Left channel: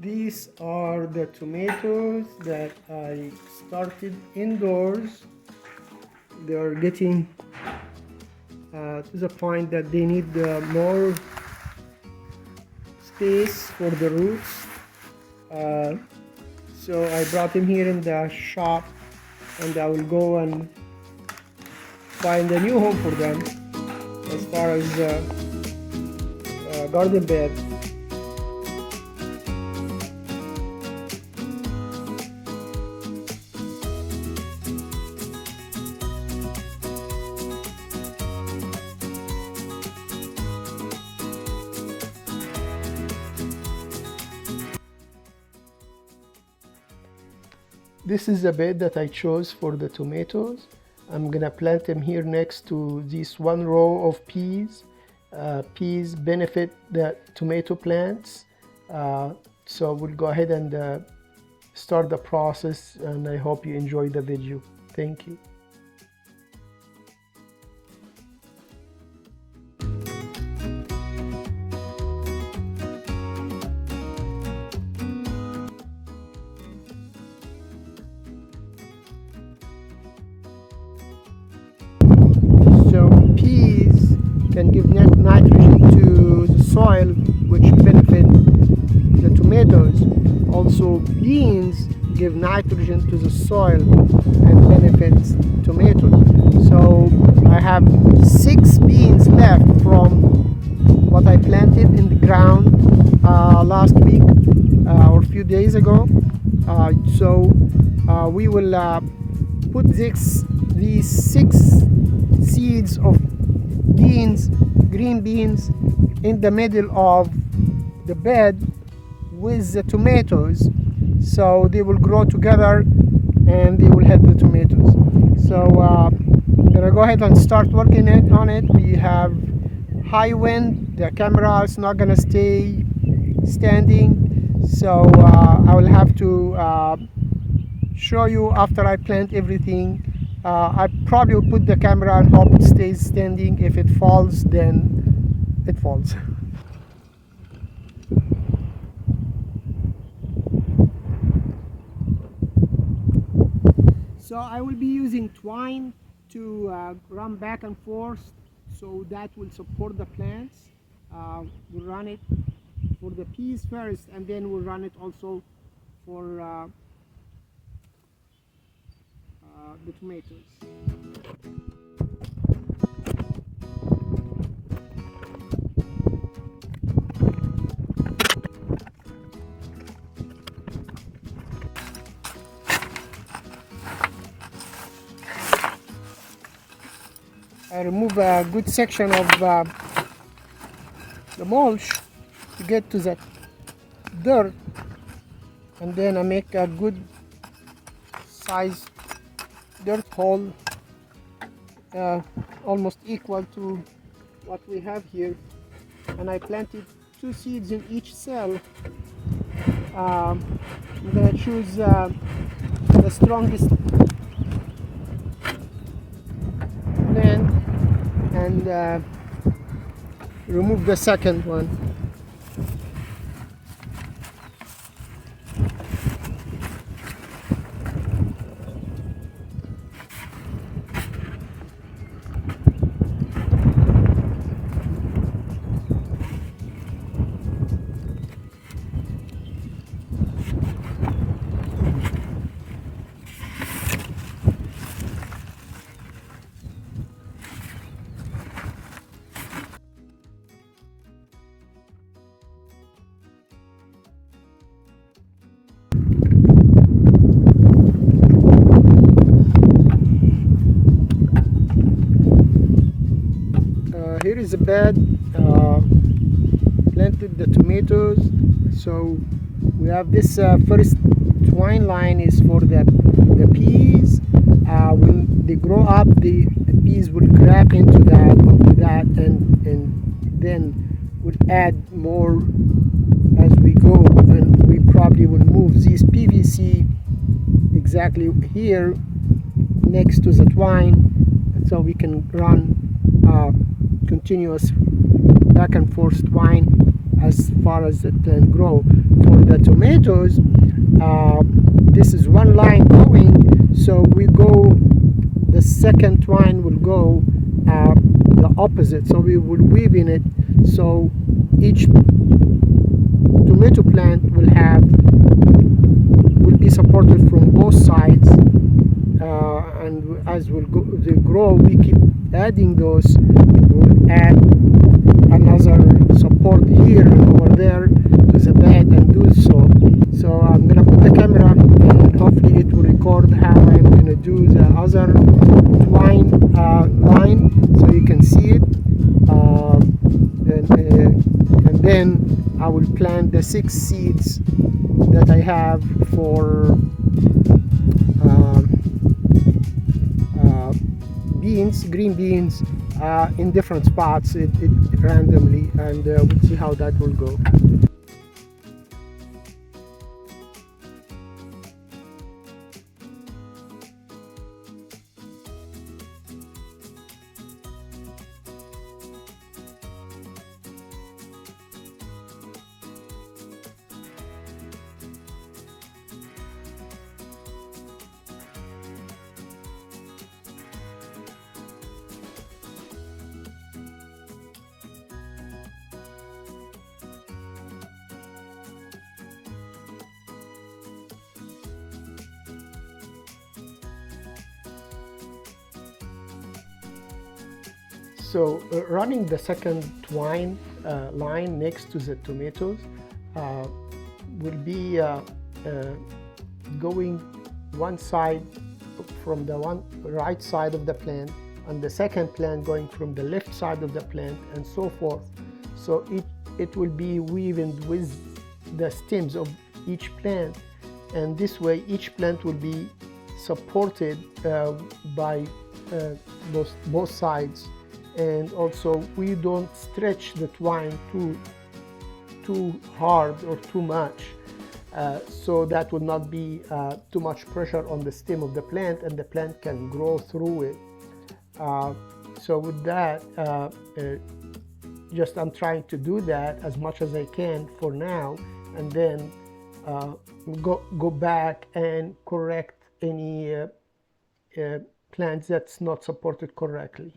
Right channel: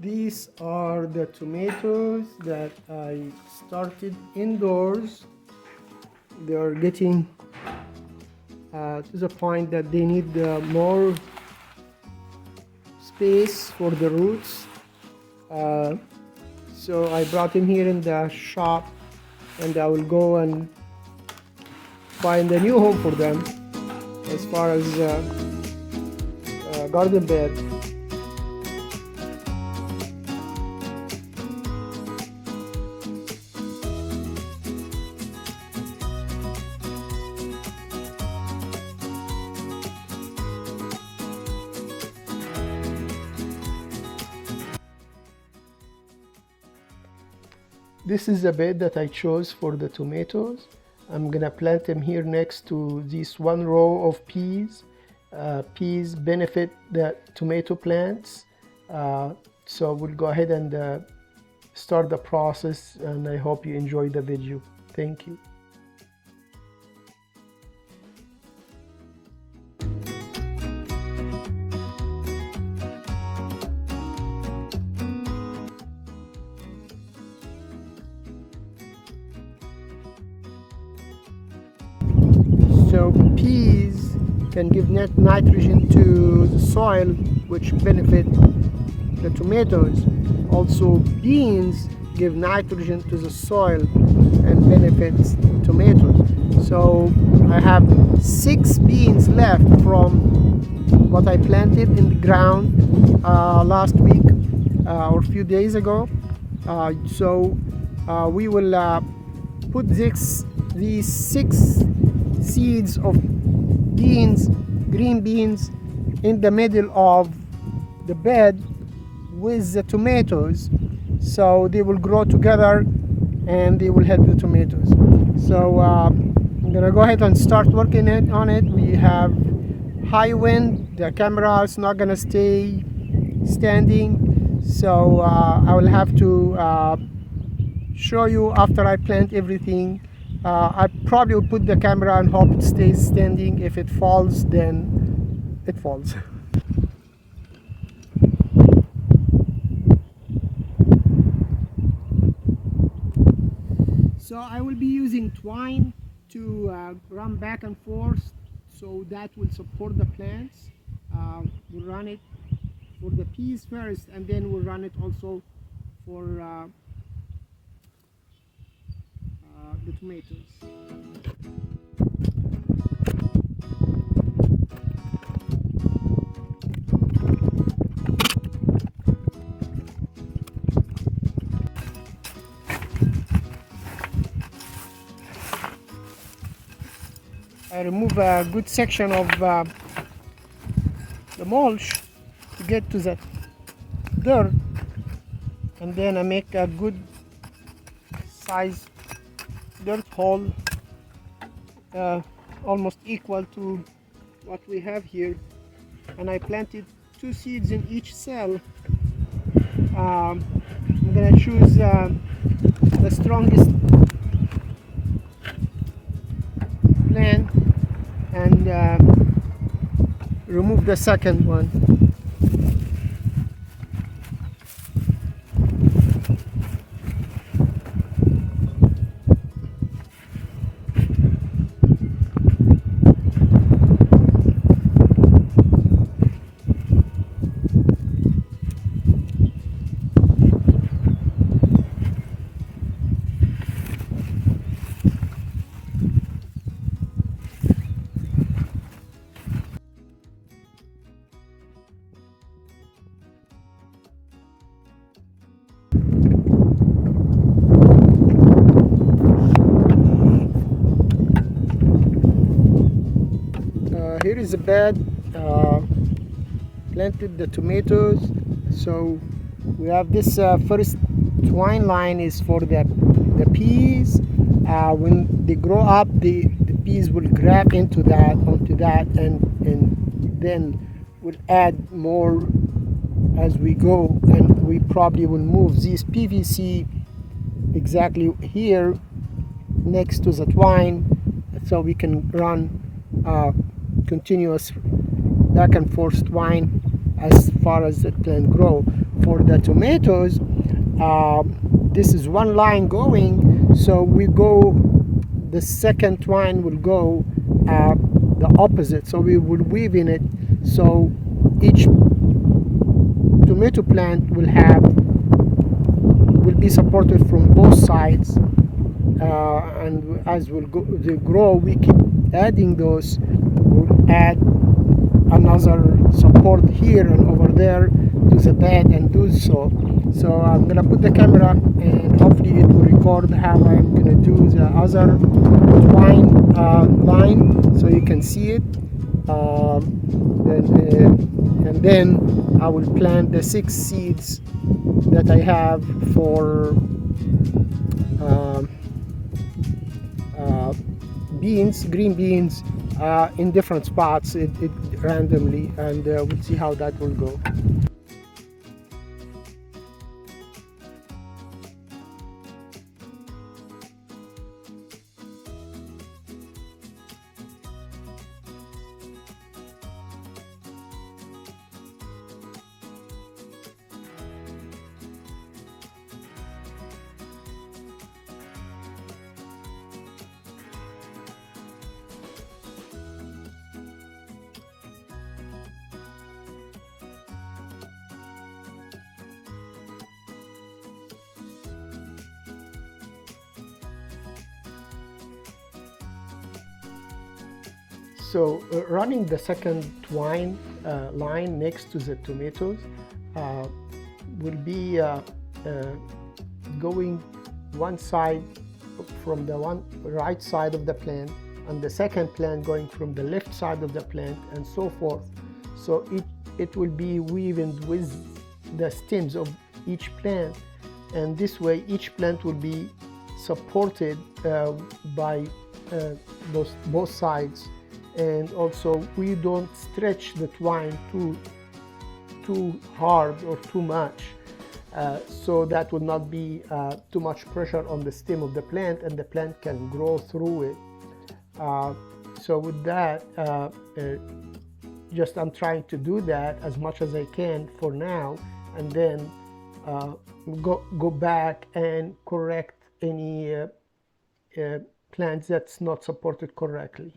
These are the tomatoes that I started indoors. They are getting to the point that they need more space for the roots. So I brought them here in the shop, and I will go and find a new home for them as far as garden bed. This is the bed that I chose for the tomatoes. I'm gonna plant them here next to this one row of peas. Peas benefit the tomato plants. So we'll go ahead and start the process, and I hope you enjoy the video. Thank you. So peas can give nitrogen to the soil, which benefit the tomatoes. Also, beans give nitrogen to the soil and benefits tomatoes. So I have 6 beans left from what I planted in the ground last week or a few days ago. We will put these 6 seeds of beans, green beans, in the middle of the bed with the tomatoes, so they will grow together and they will help the tomatoes. So I'm gonna go ahead and start working on it. We have high wind, the camera is not gonna stay standing, so I will have to show you after I plant everything. I probably will put the camera and hope it stays standing. If it falls, then it falls. So I will be using twine to run back and forth, so that will support the plants. We'll run it for the peas first, and then we'll run it also for the tomatoes. I remove a good section of the mulch to get to the dirt, and then I make a good size dirt hole almost equal to what we have here, and I planted 2 seeds in each cell. I'm gonna choose the strongest plant and remove the second one. Here is a bed, planted the tomatoes. So we have this first twine line is for the peas. When they grow up, the peas will grab onto that, and then we'll add more as we go, and we probably will move this PVC exactly here next to the twine, so we can run continuous back and forth twine as far as the plant grow. For the tomatoes, this is one line going, so the second twine will go the opposite, so we will weave in it, so each tomato plant will be supported from both sides, and as they grow, we keep adding those. We'll add another support here and over there to the bed and do so. So I'm gonna put the camera and hopefully it will record how I'm gonna do the other twine line, so you can see it, and then I will plant the 6 seeds that I have for beans, green beans, in different spots, randomly, and we'll see how that will go. So running the second twine line next to the tomatoes will be going one side from the right side of the plant, and the second plant going from the left side of the plant, and so forth. So it will be woven with the stems of each plant, and this way each plant will be supported by both sides. And also we don't stretch the twine too hard or too much, so that will not be too much pressure on the stem of the plant, and the plant can grow through it. So with that, just I'm trying to do that as much as I can for now, and then go back and correct any plants that's not supported correctly.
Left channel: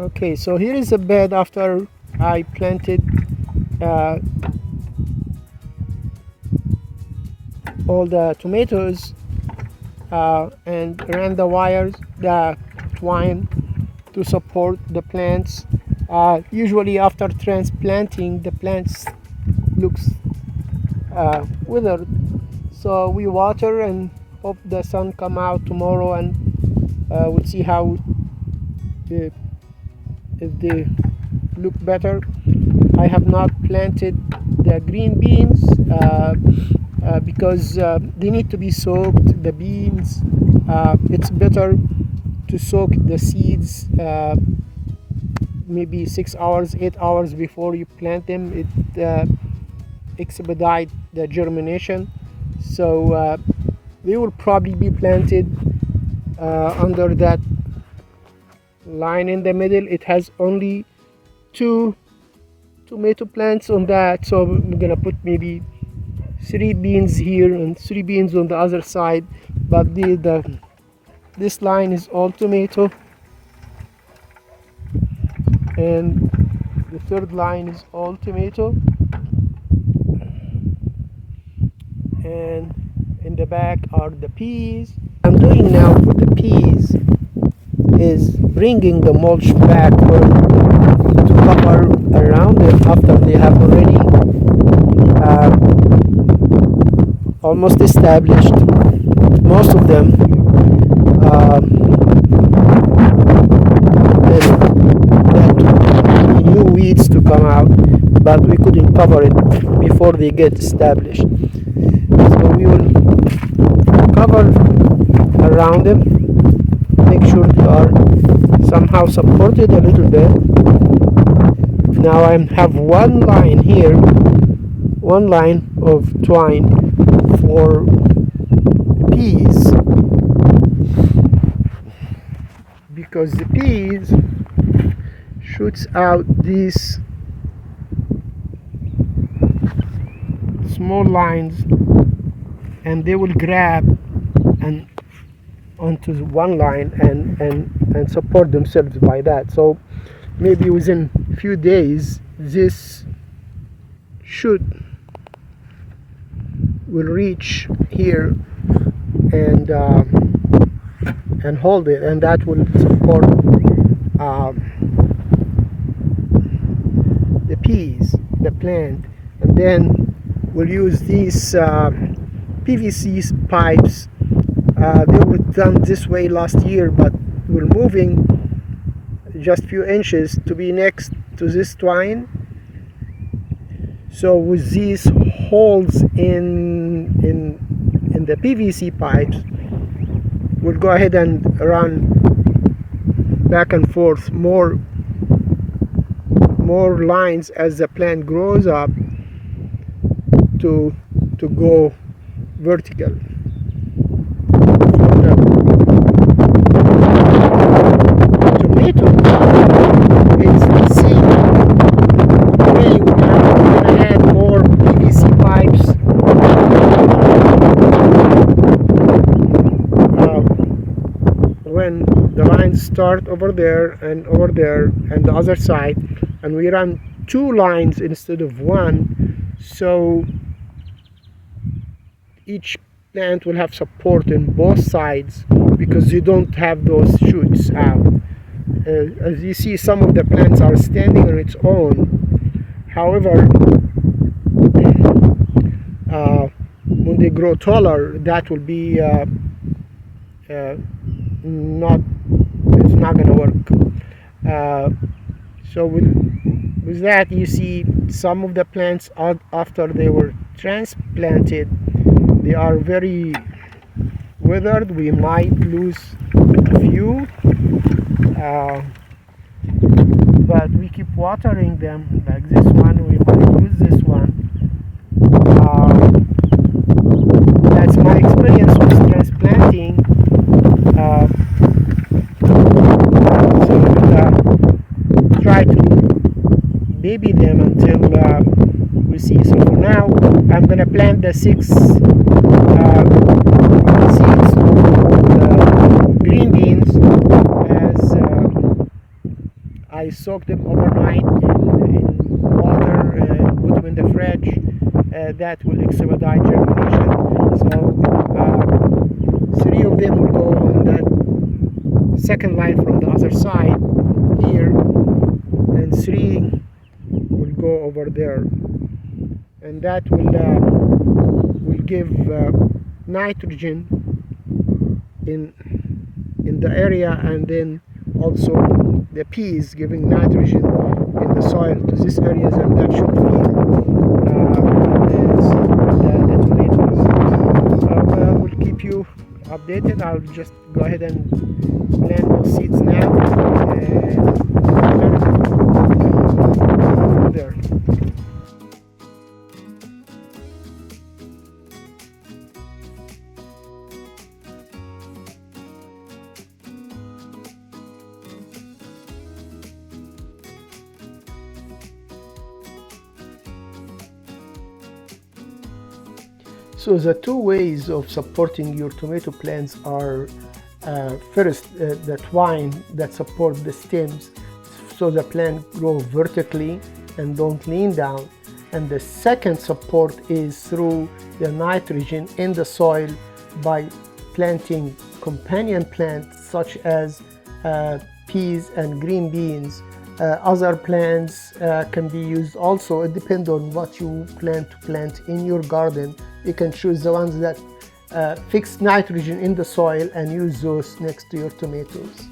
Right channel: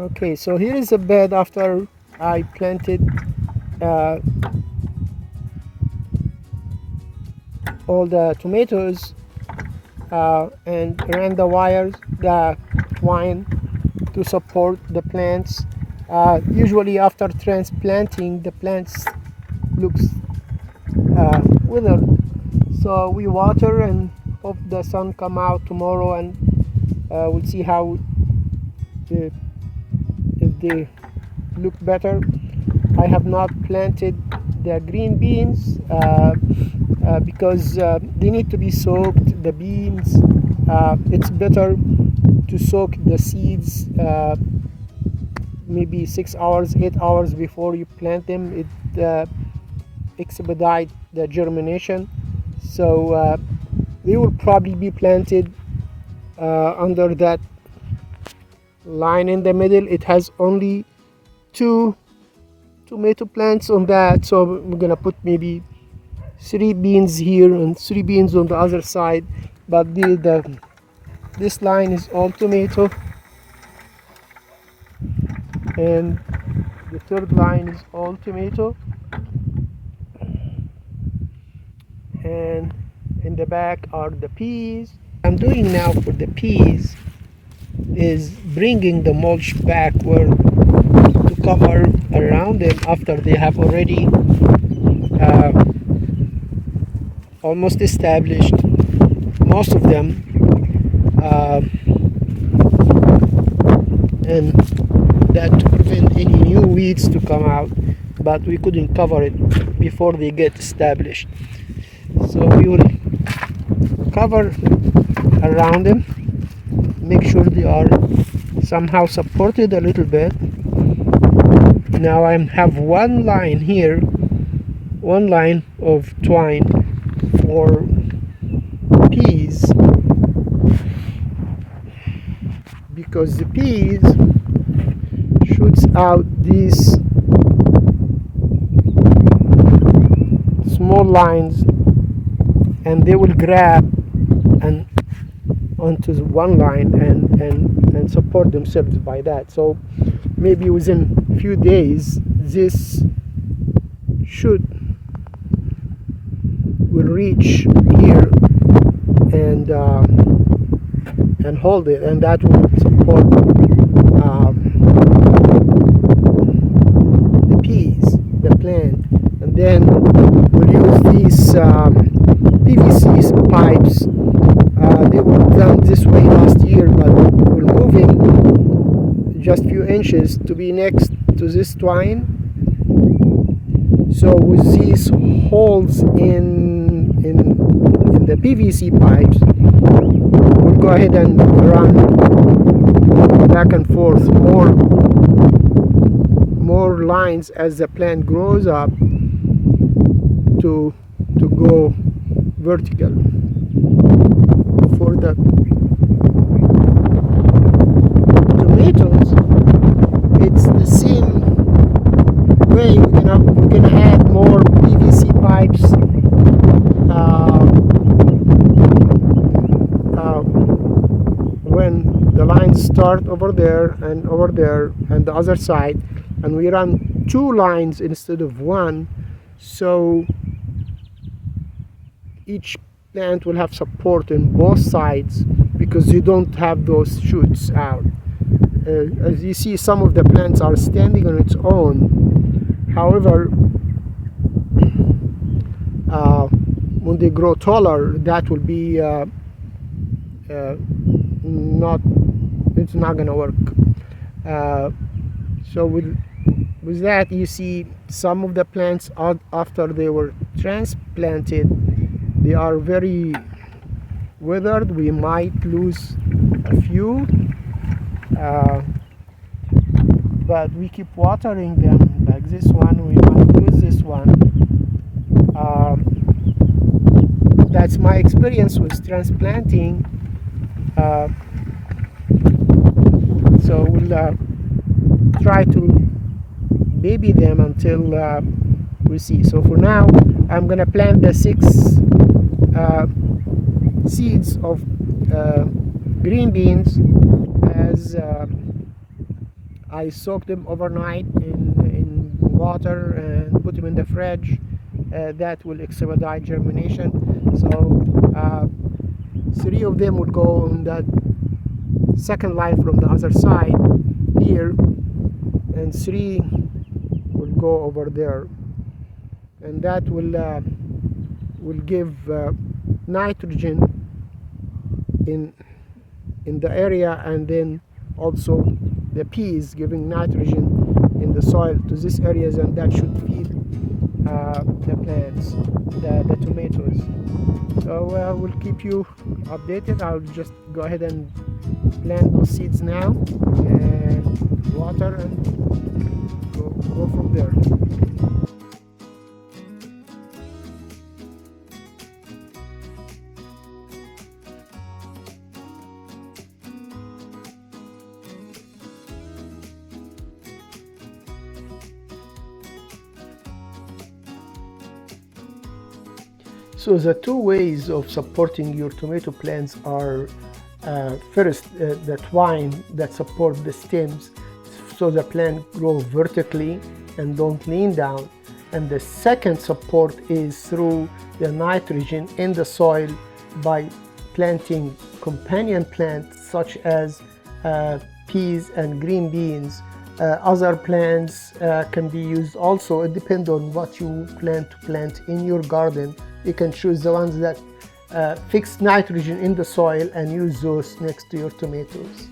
Okay, so here is the bed after I planted all the tomatoes and ran the wires, the twine, to support the plants. Usually after transplanting, the plants looks withered, so we water and hope the sun come out tomorrow, and we'll see how if they look better. I have not planted the green beans because they need to be soaked, the beans. It's better to soak the seeds maybe 6 hours, 8 hours before you plant them. It expedite the germination. So they will probably be planted under that line in the middle. It has only 2 tomato plants on that, so we're gonna put maybe 3 beans here and 3 beans on the other side, but this line is all tomato, and the third line is all tomato, and in the back are the peas. I'm doing now for the peas is bringing the mulch backward to cover around them after they have already almost established, most of them, and that took new weeds to come out, but we couldn't cover it before they get established. So we will cover around them, make sure they are somehow supported a little bit. Now I have one line here, one line of twine for peas, because the peas shoots out these small lines, and they will grab and onto one line and support themselves by that. So maybe within a few days this shoot will reach here and hold it, and that will support the peas, the plant. And then we'll use these PVC pipes. They were done this way last year, but we're moving just a few inches to be next to this twine. So with these holes in the PVC pipes, we'll go ahead and run back and forth more lines as the plant grows up to go vertical. For the tomato, it's the same way. We're gonna add more PVC pipes when the lines start over there and the other side, and we run 2 lines instead of 1, so each plant will have support in both sides because you don't have those shoots out. As you see, some of the plants are standing on its own. However, when they grow taller, that will be it's not gonna work. So with that, you see some of the plants after they were transplanted, they are very withered. We might lose a few, but we keep watering them. Like this one, we might lose this one. That's my experience with transplanting. So we'll try to baby them until we see. So for now, I'm gonna plant the 6 seeds of green beans, as I soaked them overnight in water and put them in the fridge. That will expedite germination. So 3 of them will go on that second line from the other side here, and 3 will go over there, and that will give nitrogen in the area, and then also the peas giving nitrogen in the soil to these areas, and that should feed the tomatoes. So we'll keep you updated. I'll just go ahead and plant those seeds now and water from there. So the 2 ways of supporting your tomato plants are first, the twine that support the stems so the plant grow vertically and don't lean down, and the second support is through the nitrogen in the soil by planting companion plants such as peas and green beans. Other plants can be used also. It depends on what you plan to plant in your garden You can choose the ones that fix nitrogen in the soil and use those next to your tomatoes.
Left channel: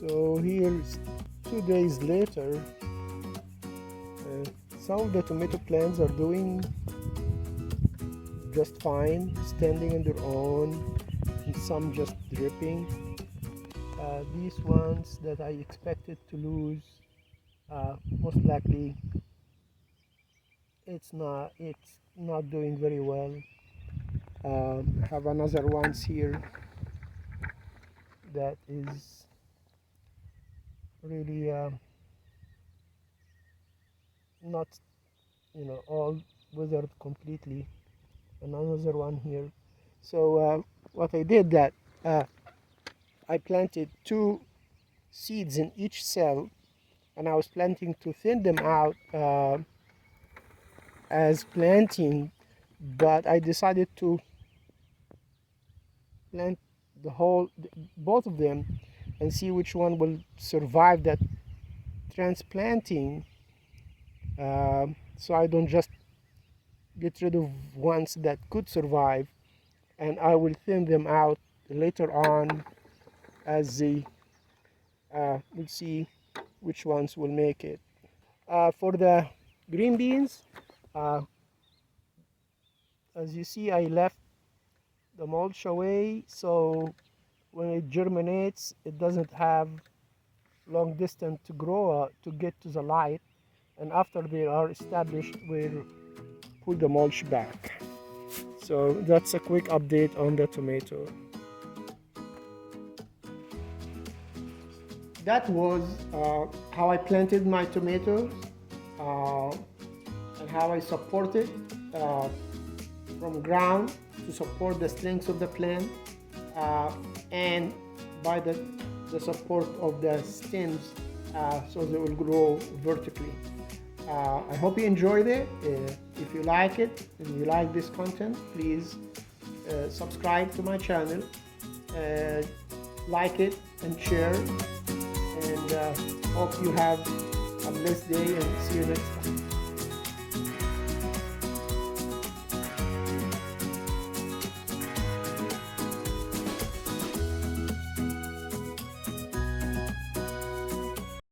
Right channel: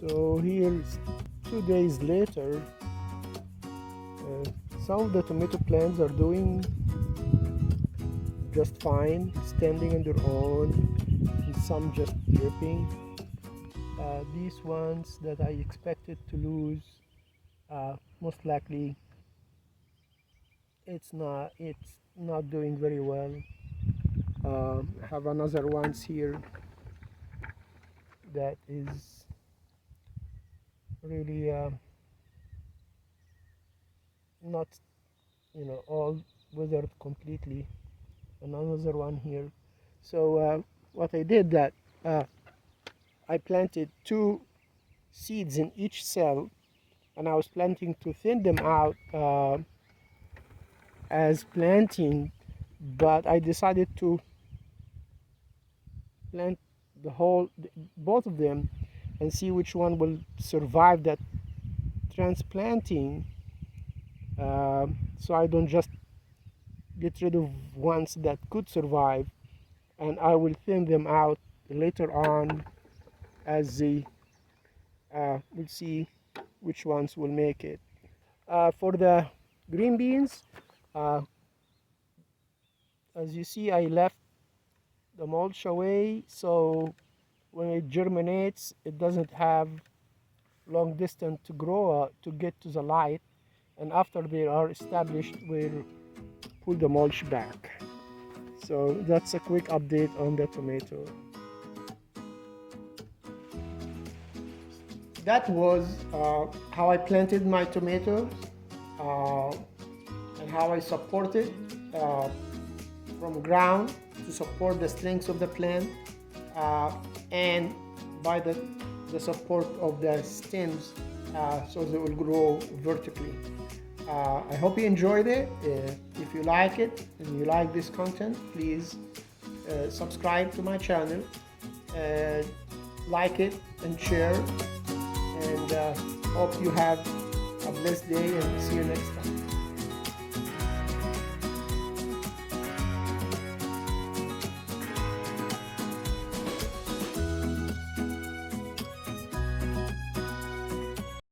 So here, 2 days later, some of the tomato plants are doing just fine, standing on their own, and some just dripping. These ones that I expected to lose, most likely it's not doing very well. I have another ones here that is really not, all withered completely. Another one here. So what I did that I planted 2 seeds in each cell, and I was planning to thin them out as planting, but I decided to plant both of them and see which one will survive that transplanting, so I don't just get rid of ones that could survive, and I will thin them out later on as we'll see which ones will make it. For the green beans, as you see, I left the mulch away, so when it germinates, it doesn't have long distance to grow to get to the light, and after they are established, we'll pull the mulch back. So that's a quick update on the tomato. That was how I planted my tomatoes and how I supported from ground to support the strength of the plant, and by the support of the stems, so they will grow vertically. I hope you enjoyed it. If you like it and you like this content, please subscribe to my channel, like it and share, and hope you have a blessed day, and see you next time.